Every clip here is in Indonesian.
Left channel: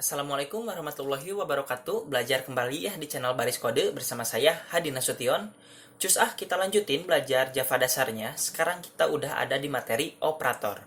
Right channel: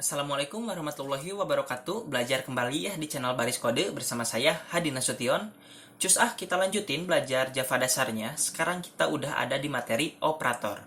Assalamualaikum warahmatullahi wabarakatuh. Belajar kembali ya di channel Baris Kode bersama saya Hadi Nasution. Cus kita lanjutin belajar Java dasarnya. Sekarang kita udah ada di materi operator.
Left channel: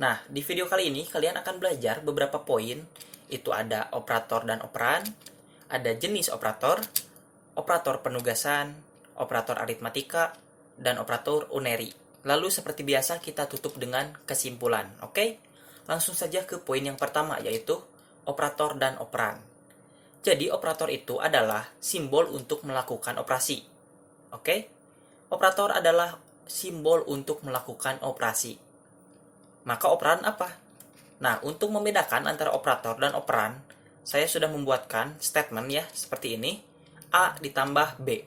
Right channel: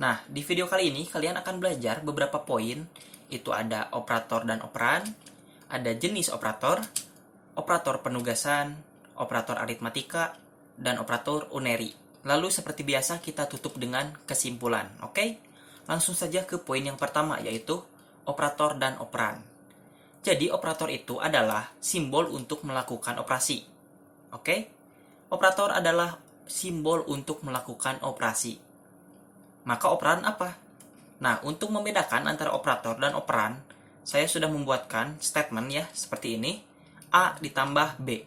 Nah, di video kali ini kalian akan belajar beberapa poin. Itu ada operator dan operan, ada jenis operator, operator penugasan, operator aritmatika, dan operator unary. Lalu seperti biasa kita tutup dengan kesimpulan, oke? Langsung saja ke poin yang pertama, yaitu operator dan operan. Jadi operator itu adalah simbol untuk melakukan operasi. Oke? Operator adalah simbol untuk melakukan operasi. Maka operan apa? Nah, untuk membedakan antara operator dan operan, saya sudah membuatkan statement ya, seperti ini. A ditambah B.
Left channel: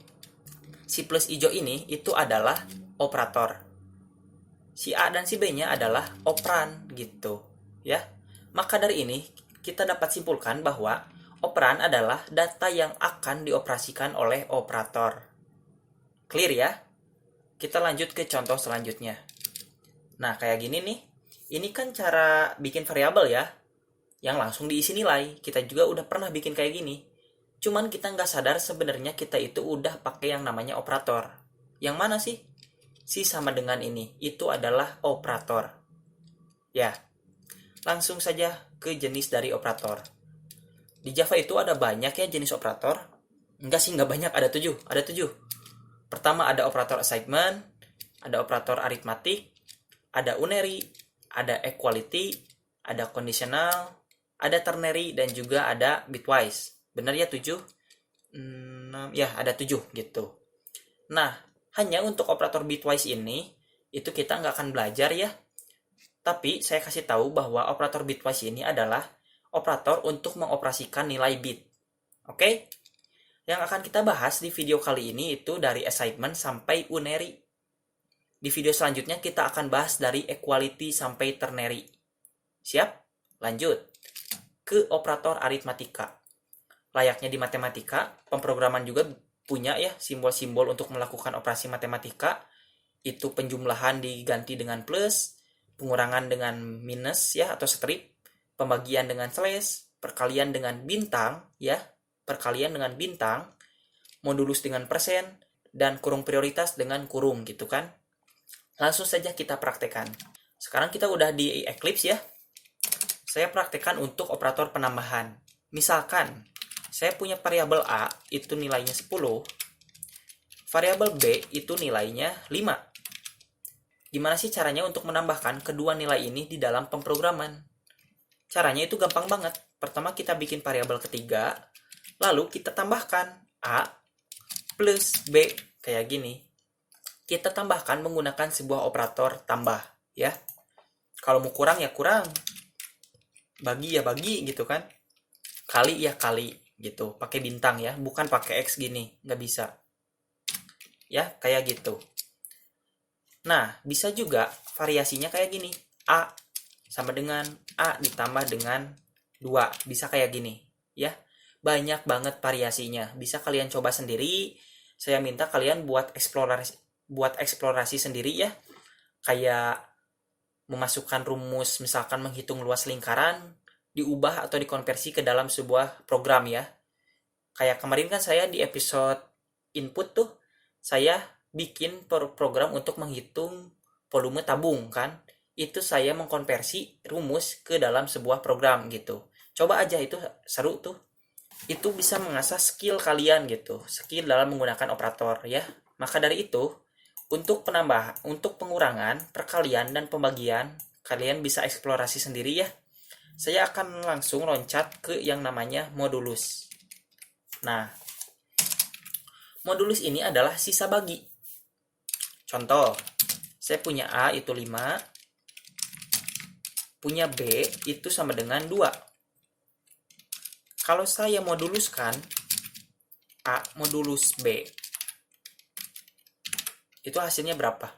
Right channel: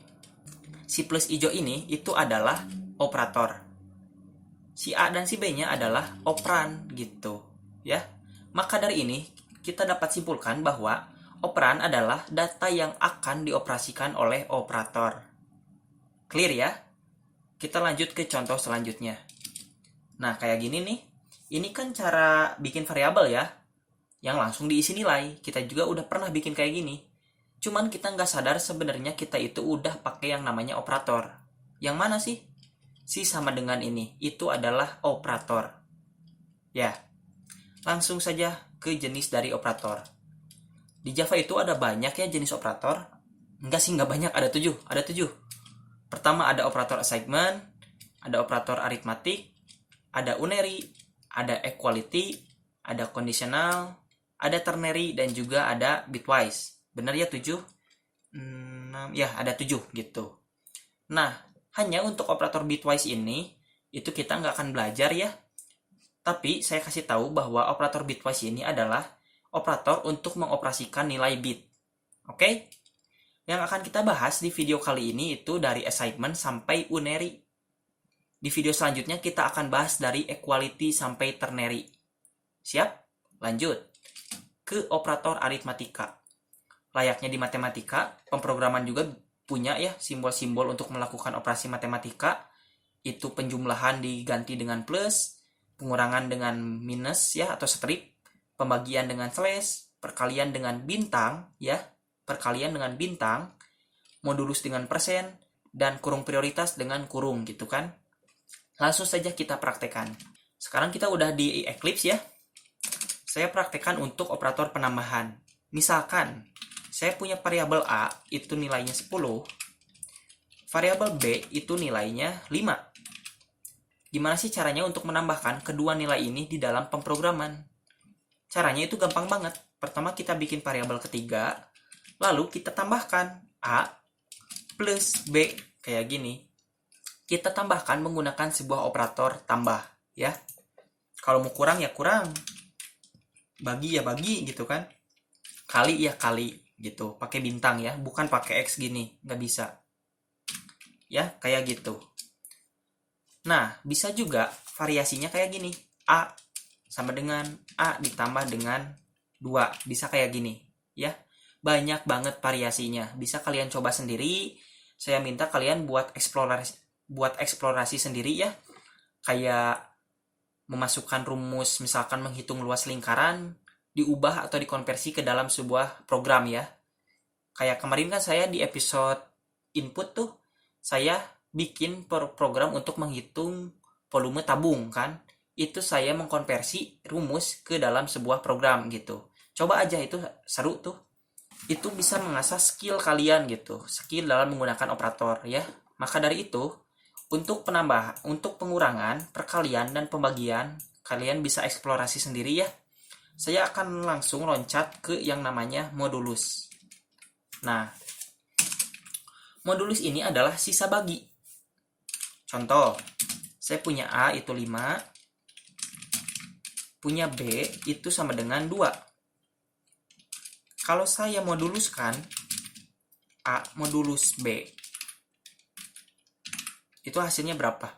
Si plus hijau ini itu adalah operator. Si A dan si B-nya adalah operan gitu, ya. Maka dari ini kita dapat simpulkan bahwa operan adalah data yang akan dioperasikan oleh operator. Clear ya? Kita lanjut ke contoh selanjutnya. Nah, kayak gini nih. Ini kan cara bikin variabel ya, yang langsung diisi nilai. Kita juga udah pernah bikin kayak gini. Cuman kita nggak sadar sebenarnya kita itu udah pakai yang namanya operator. Yang mana sih? Si sama dengan ini, itu adalah operator. Ya, langsung saja ke jenis dari operator. Di Java itu ada banyak ya jenis operator. Enggak sih, enggak banyak, ada 7. Ada 7. Pertama ada operator assignment, ada operator aritmatik, ada unary, ada equality, ada conditional, ada ternary, dan juga ada bitwise. Benar ya 7? Ya, ada 7 gitu. Nah, hanya untuk operator bitwise ini, itu kita nggak akan belajar ya. Tapi saya kasih tahu bahwa operator bitwise ini adalah operator untuk mengoperasikan nilai bit. Oke? Yang akan kita bahas di video kali ini itu dari assignment sampai unary. Di video selanjutnya kita akan bahas dari equality sampai ternary. Siap? Lanjut ke operator aritmatika. Layaknya di matematika, pemrograman juga punya ya simbol-simbol untuk melakukan operasi matematika. Itu penjumlahan diganti dengan plus, pengurangan dengan minus ya atau strip, pembagian dengan slash, perkalian dengan bintang ya, perkalian dengan bintang, modulus dengan persen, dan kurung prioritas dengan kurung gitu kan. Langsung saja kita praktekkan. Sekarang kita udah di Eclipse ya. Saya praktekkan untuk operator penambahan. Misalkan saya punya variabel A itu nilainya 10, variabel B itu nilainya 5. Gimana sih caranya untuk menambahkan kedua nilai ini di dalam pemrograman? Caranya itu gampang banget. Pertama kita bikin variabel ketiga, lalu kita tambahkan A plus B kayak gini. Kita tambahkan menggunakan sebuah operator tambah ya. Kalau mau kurang ya kurang, bagi ya bagi gitu kan, kali ya kali gitu, pakai bintang ya, bukan pakai X gini, nggak bisa ya, kayak gitu. Nah, bisa juga variasinya kayak gini, A sama dengan A ditambah dengan 2, bisa kayak gini ya. Banyak banget variasinya, bisa kalian coba sendiri. Saya minta kalian buat eksplorasi sendiri ya, kayak memasukkan rumus, misalkan menghitung luas lingkaran, diubah atau dikonversi ke dalam sebuah program ya. Kayak kemarin kan saya di episode input tuh, saya bikin program untuk menghitung volume tabung kan. Itu saya mengkonversi rumus ke dalam sebuah program gitu. Coba aja, itu seru tuh. Itu bisa mengasah skill kalian gitu, skill dalam menggunakan operator ya. Maka dari itu, untuk penambah, untuk pengurangan, perkalian, dan pembagian, kalian bisa eksplorasi sendiri ya. Saya akan langsung loncat ke yang namanya modulus. Nah, modulus ini adalah sisa bagi. Contoh, saya punya A itu 5, punya B itu sama dengan 2. Kalau saya moduluskan A modulus B, itu hasilnya berapa?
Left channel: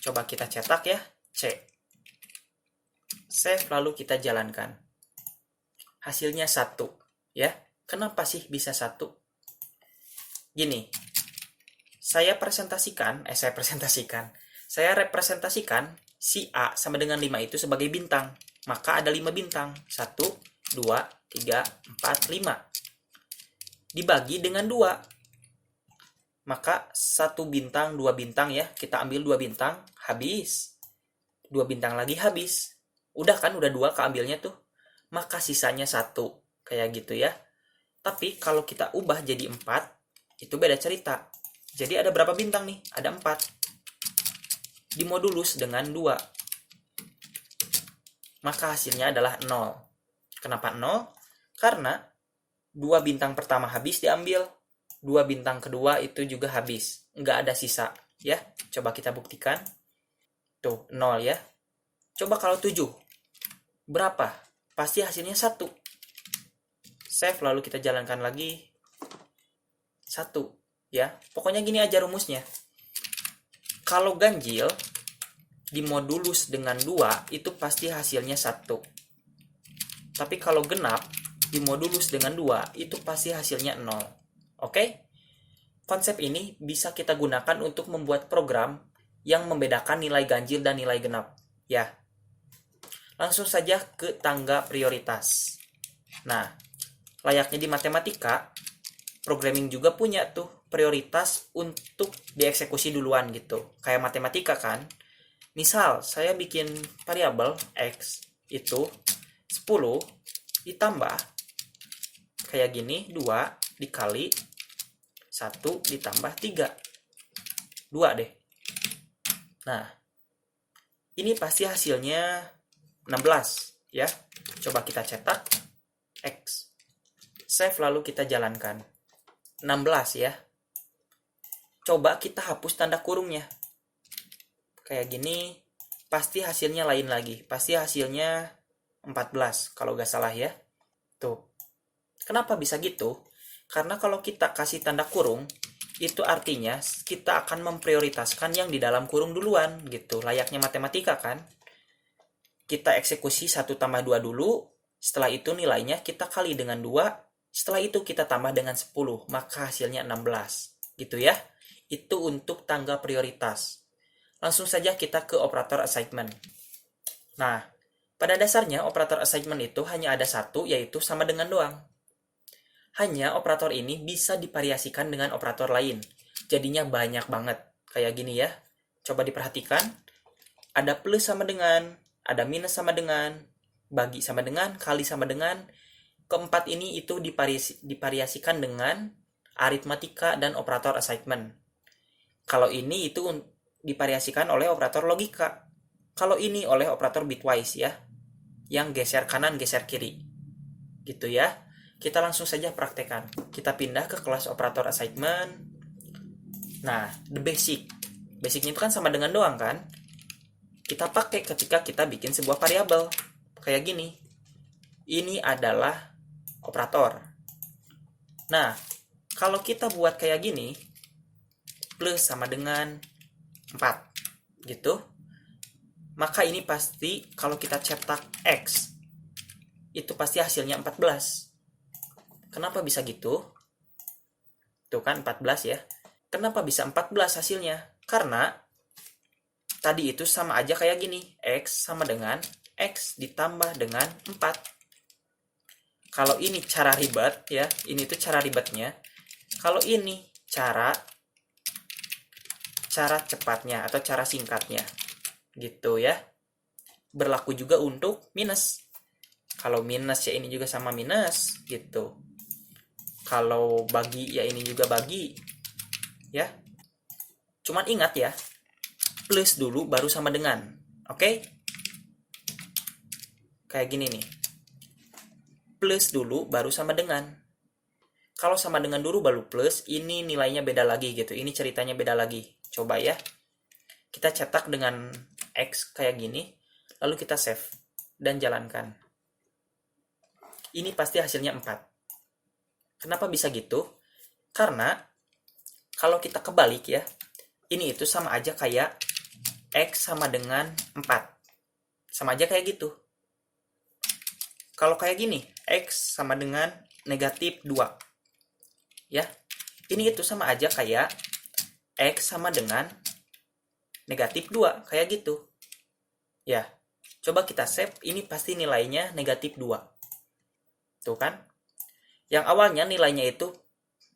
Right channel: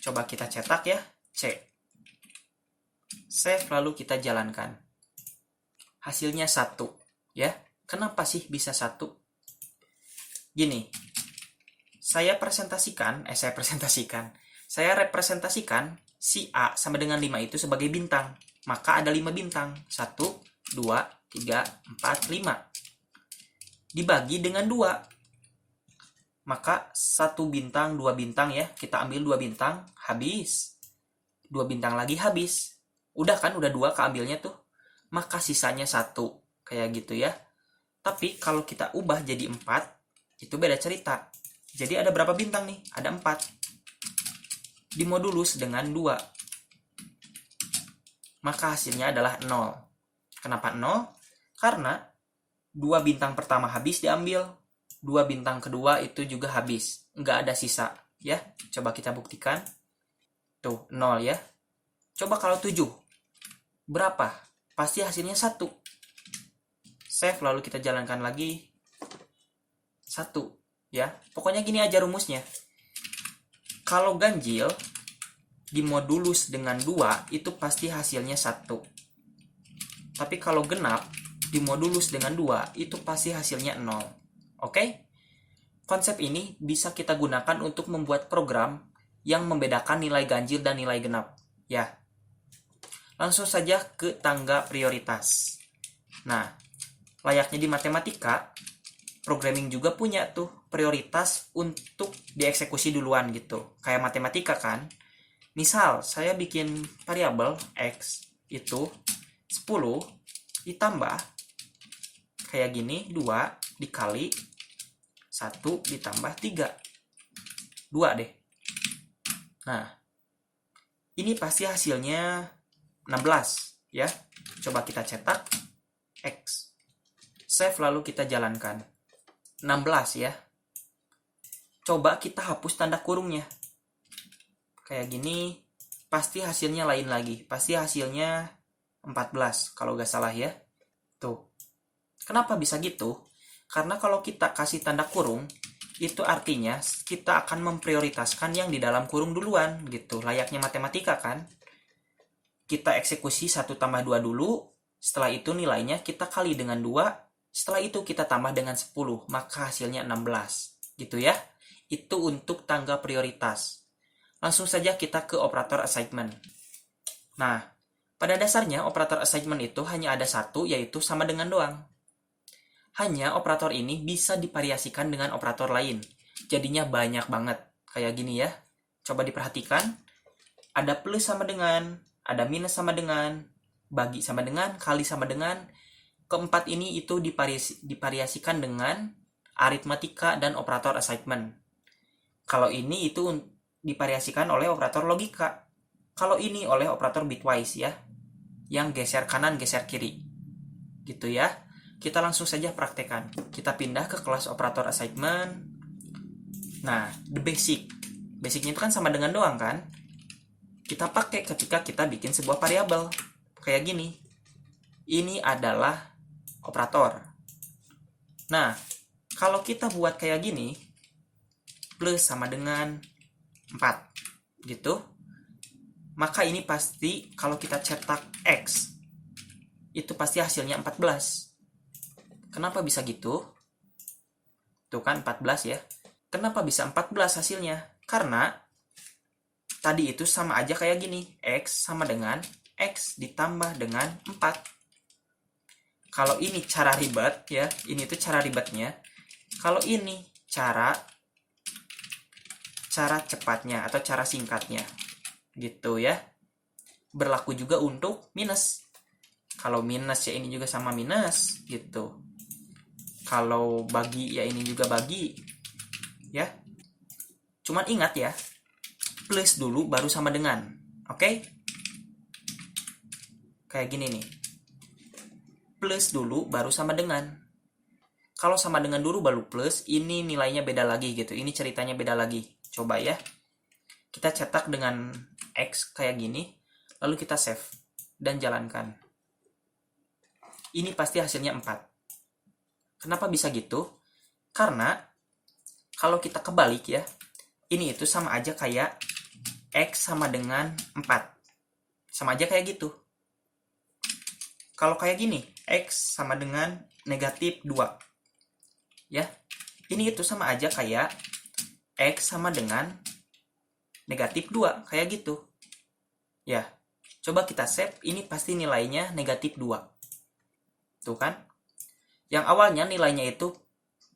Coba kita cetak ya, C. Save lalu kita jalankan. Hasilnya 1 ya. Kenapa sih bisa 1? Gini, saya representasikan si A sama dengan 5 itu sebagai bintang. maka ada 5 bintang. 1, 2, 3, 4, 5. Dibagi dengan 2, maka 1 bintang, 2 bintang ya. Kita ambil 2 bintang, habis. 2 bintang lagi habis. Udah kan, udah 2 keambilnya tuh. Maka sisanya 1, kayak gitu ya. Tapi kalau kita ubah jadi 4, itu beda cerita. Jadi ada berapa bintang nih? Ada 4. Dimodulus dengan 2. Maka hasilnya adalah 0. Kenapa 0? Karena 2 bintang pertama habis diambil, 2 bintang kedua itu juga habis, nggak ada sisa ya. Coba kita buktikan. Tuh 0 ya. Coba kalau 7, berapa? Pasti hasilnya 1. Save, lalu kita jalankan lagi. 1 ya. Pokoknya gini aja rumusnya. Kalau ganjil dimodulus dengan 2, itu pasti hasilnya 1. Tapi kalau genap dimodulus dengan 2, itu pasti hasilnya 0. Oke? Konsep ini bisa kita gunakan untuk membuat program yang membedakan nilai ganjil dan nilai genap. Ya. Langsung saja ke tangga prioritas. Nah, layaknya di matematika, programming juga punya tuh prioritas untuk dieksekusi duluan gitu. Kayak matematika kan. Misal, saya bikin variabel X itu 10 ditambah kayak gini, 2 dikali 1 ditambah 3. 2 deh. Nah, ini pasti hasilnya 16 ya. Coba kita cetak X. Save, lalu kita jalankan. 16 ya. Coba kita hapus tanda kurungnya. Kayak gini, pasti hasilnya lain lagi. Pasti hasilnya 14 kalau nggak salah ya. Tuh. Kenapa bisa gitu? Karena kalau kita kasih tanda kurung, itu artinya kita akan memprioritaskan yang di dalam kurung duluan gitu. Layaknya matematika kan. Kita eksekusi 1 tambah 2 dulu, setelah itu nilainya kita kali dengan 2, setelah itu kita tambah dengan 10, maka hasilnya 16. Gitu ya. Itu untuk tangga prioritas. Langsung saja kita ke operator assignment. Nah, pada dasarnya operator assignment itu hanya ada satu, yaitu sama dengan doang. Hanya operator ini bisa divariasikan dengan operator lain. Jadinya banyak banget. Kayak gini ya. Coba diperhatikan. Ada plus sama dengan, ada minus sama dengan, bagi sama dengan, kali sama dengan. Keempat ini itu divariasikan dengan aritmatika dan operator assignment. Kalau ini itu divariasikan oleh operator logika. Kalau ini oleh operator bitwise ya, yang geser kanan geser kiri gitu ya. Kita langsung saja praktekkan. Kita pindah ke kelas operator assignment. Nah, the basicnya itu kan sama dengan doang kan. Kita pakai ketika kita bikin sebuah variabel kayak gini. Ini adalah operator. Nah, kalau kita buat kayak gini, plus sama dengan 4 gitu, maka ini pasti kalau kita cetak X itu pasti hasilnya 14. Kenapa bisa gitu? Tuh kan 14 ya. Kenapa bisa 14 hasilnya? Karena tadi itu sama aja kayak gini, X sama dengan X ditambah dengan 4. Kalau ini cara ribet ya, ini tuh cara ribetnya. Kalau ini cara cepatnya atau cara singkatnya gitu ya. Berlaku juga untuk minus. Kalau minus ya ini juga sama minus gitu. Kalau bagi ya ini juga bagi ya. Cuman ingat ya, plus dulu baru sama dengan. Oke? Kayak gini nih. Plus dulu baru sama dengan. Kalau sama dengan dulu baru plus, ini nilainya beda lagi gitu. Ini ceritanya beda lagi. Coba ya. Kita cetak dengan X kayak gini, lalu kita save dan jalankan. Ini pasti hasilnya 4. Kenapa bisa gitu? Karena kalau kita kebalik ya, ini itu sama aja kayak X sama dengan 4. Sama aja kayak gitu. Kalau kayak gini, X sama dengan negatif 2. Ya, ini itu sama aja kayak X sama dengan negatif 2, kayak gitu. Ya, Coba kita save, ini pasti nilainya negatif 2. Tuh kan? Yang awalnya nilainya itu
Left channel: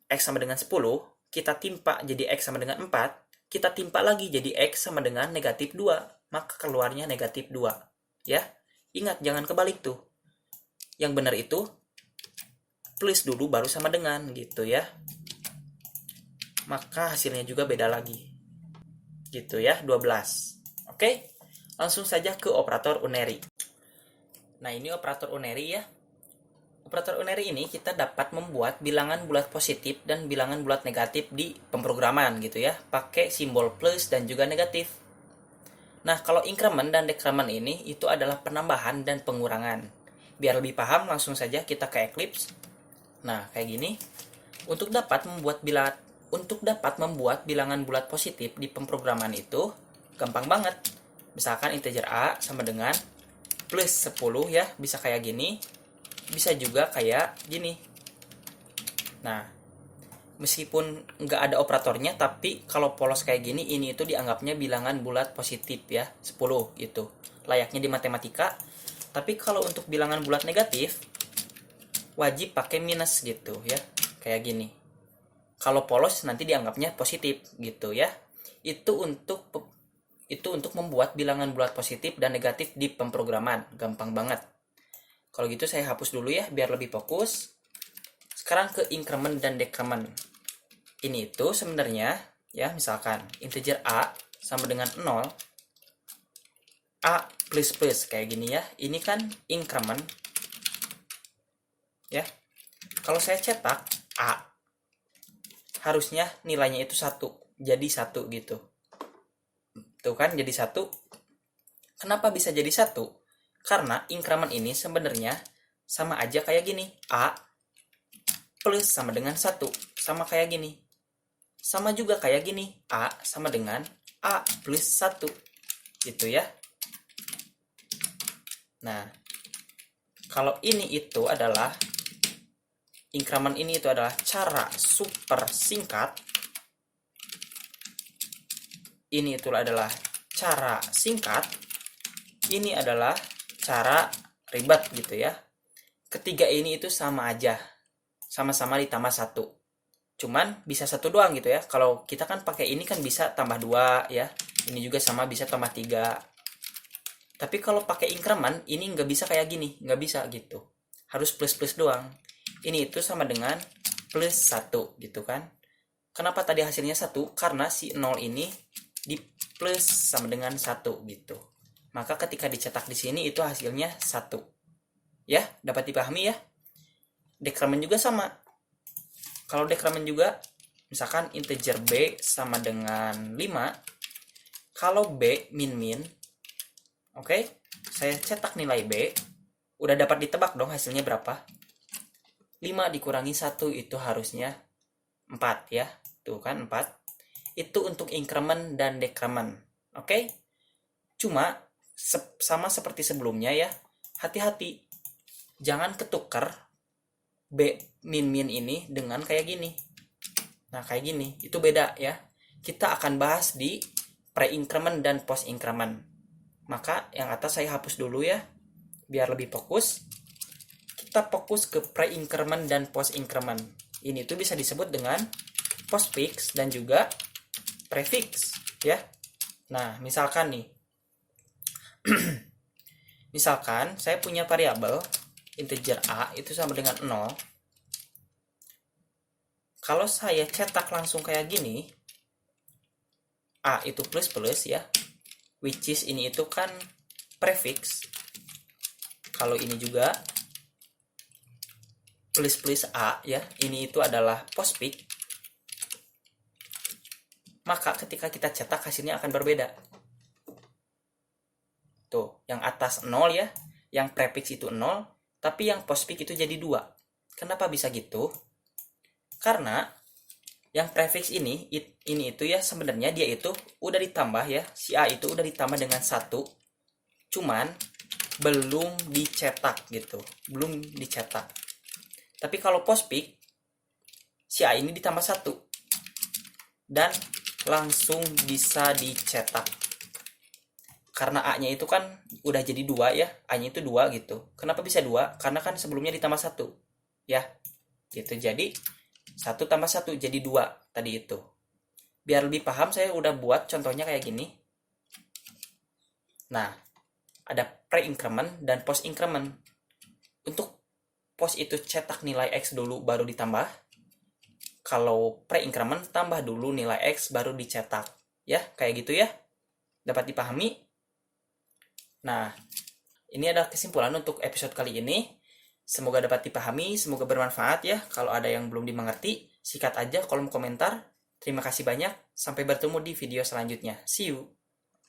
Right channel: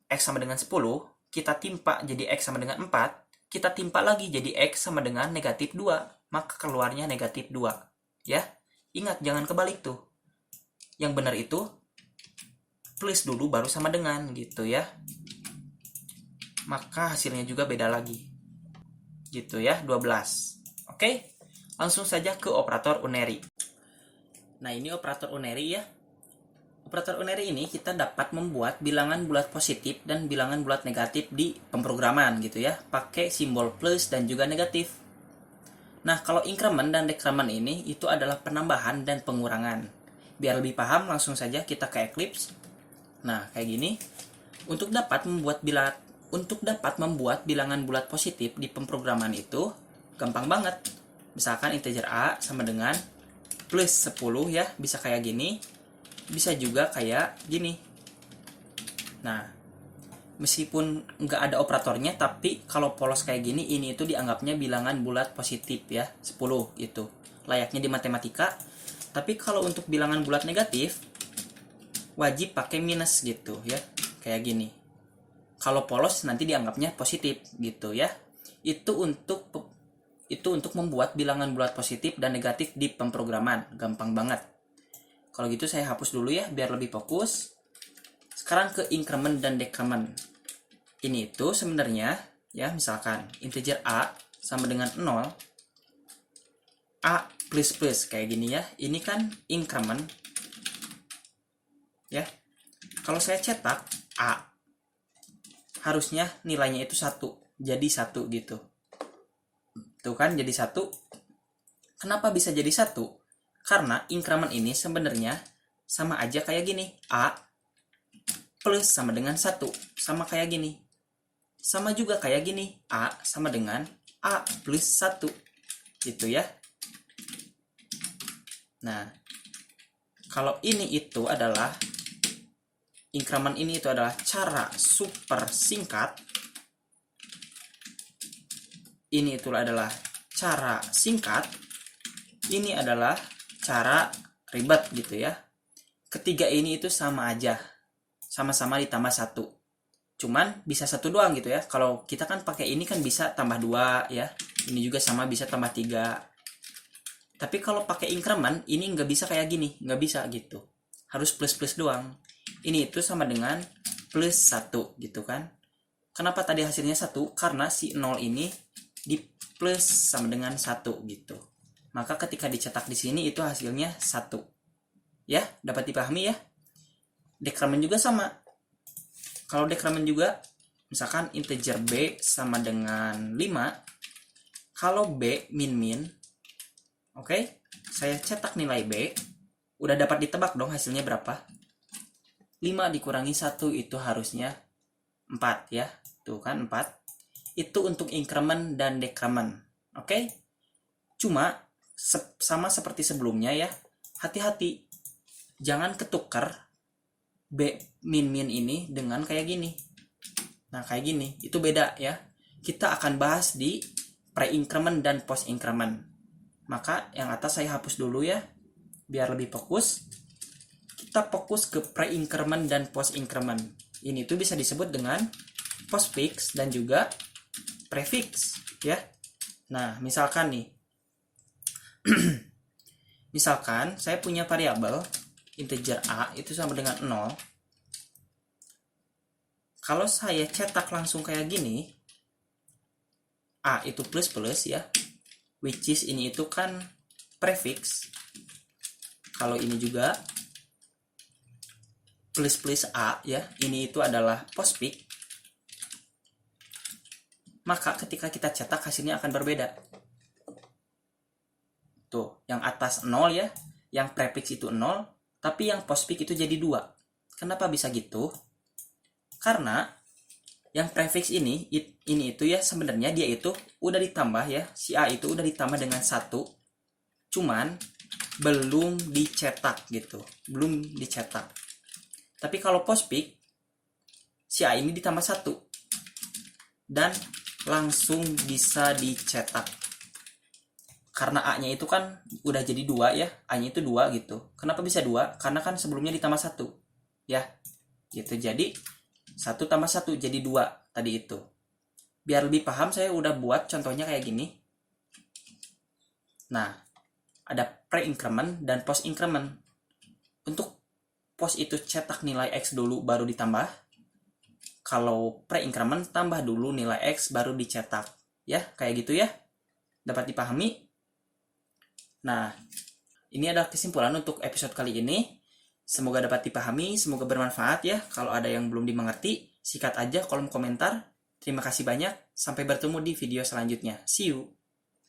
X sama dengan 10, kita timpa jadi X sama dengan 4, kita timpa lagi jadi X sama dengan negatif 2, maka keluarnya negatif 2. Ya, ingat jangan kebalik tuh. Yang benar itu plus dulu baru sama dengan gitu ya. Maka hasilnya juga beda lagi. Gitu ya, 12. Oke, langsung saja ke operator unary. Nah, ini operator unary ya. Operator unary ini kita dapat membuat bilangan bulat positif dan bilangan bulat negatif di pemrograman gitu ya, pakai simbol plus dan juga negatif. Nah, kalau increment dan decrement ini itu adalah penambahan dan pengurangan. Biar lebih paham, langsung saja kita ke Eclipse. Nah, kayak gini. Untuk dapat membuat bilangan bulat positif di pemrograman itu gampang banget. Misalkan integer a sama dengan plus 10 ya, bisa kayak gini. Bisa juga kayak gini. Nah, meskipun nggak ada operatornya, tapi kalau polos kayak gini, ini itu dianggapnya bilangan bulat positif ya, 10 itu. Layaknya di matematika. Tapi kalau untuk bilangan bulat negatif, wajib pakai minus gitu ya, kayak gini. Kalau polos nanti dianggapnya positif gitu ya. Itu untuk membuat bilangan bulat positif dan negatif di pemrograman. Gampang banget. Kalau gitu saya hapus dulu ya biar lebih fokus. Sekarang ke increment dan decrement. Ini itu sebenarnya ya, misalkan integer a sama dengan 0, a plus plus kayak gini ya. Ini kan increment. Ya. Kalau saya cetak a, harusnya nilainya itu 1. Jadi 1 gitu. Tuh kan jadi 1. Kenapa bisa jadi 1? Karena increment ini sebenarnya sama aja kayak gini. A plus sama dengan 1. Sama kayak gini. Sama juga kayak gini. A sama dengan A plus 1. Gitu ya. Nah, kalau ini itu adalah increment ini itu adalah cara super singkat. Ini itu adalah cara singkat. Ini adalah cara ribet gitu ya. Ketiga ini itu sama aja. Sama-sama ditambah 1. Cuman bisa 1 doang gitu ya. Kalau kita kan pakai ini kan bisa tambah 2 ya. Ini juga sama bisa tambah 3. Tapi kalau pakai increment ini nggak bisa kayak gini. Nggak bisa gitu. Harus plus-plus doang. Ini itu sama dengan plus 1 gitu kan. Kenapa tadi hasilnya 1? Karena si 0 ini di plus sama dengan 1 gitu. Maka ketika dicetak di sini itu hasilnya 1. Ya, dapat dipahami ya? Decrement juga sama. Kalau decrement juga, misalkan integer b sama dengan 5. Kalau b min-min, oke, saya cetak nilai b. Udah dapat ditebak dong hasilnya berapa? 5 dikurangi 1 itu harusnya 4 ya. Tuh kan 4. Itu untuk increment dan decrement. Oke? Cuma sama seperti sebelumnya ya, hati-hati jangan ketukar b min-min ini dengan kayak gini. Nah, kayak gini itu beda ya. Kita akan bahas di pre-increment dan post-increment. Maka yang atas saya hapus dulu ya biar lebih fokus. Kita fokus ke pre-increment dan post-increment. Ini tuh bisa disebut dengan postfix dan juga prefix ya. Nah, misalkan nih misalkan saya punya variabel integer a itu sama dengan 0. Kalau saya cetak langsung kayak gini, a itu plus plus ya, which is ini itu kan prefix. Kalau ini juga plus plus a ya, ini itu adalah postfix. Maka ketika kita cetak hasilnya akan berbeda. Tuh, yang atas 0 ya, yang prefix itu 0, tapi yang postfix itu jadi 2. Kenapa bisa gitu? Karena yang prefix ini itu ya sebenarnya dia itu udah ditambah ya, si A itu udah ditambah dengan 1. Cuman belum dicetak gitu, belum dicetak. Tapi kalau postfix si A ini ditambah 1 dan langsung bisa dicetak. karena A-nya itu kan udah jadi 2 ya, A-nya itu 2 gitu. Kenapa bisa 2? Karena kan sebelumnya ditambah 1 ya, gitu. Jadi 1 tambah 1 jadi 2 tadi itu. Biar lebih paham saya udah buat contohnya kayak gini. Nah, ada pre-increment dan post-increment. Untuk post itu cetak nilai X dulu baru ditambah. Kalau pre-increment tambah dulu nilai X baru dicetak. Ya, kayak gitu ya. Dapat dipahami? Nah, ini adalah kesimpulan untuk episode kali ini. Semoga dapat dipahami, semoga bermanfaat ya. Kalau ada yang belum dimengerti, sikat aja kolom komentar. Terima kasih banyak, sampai bertemu di video selanjutnya. See you!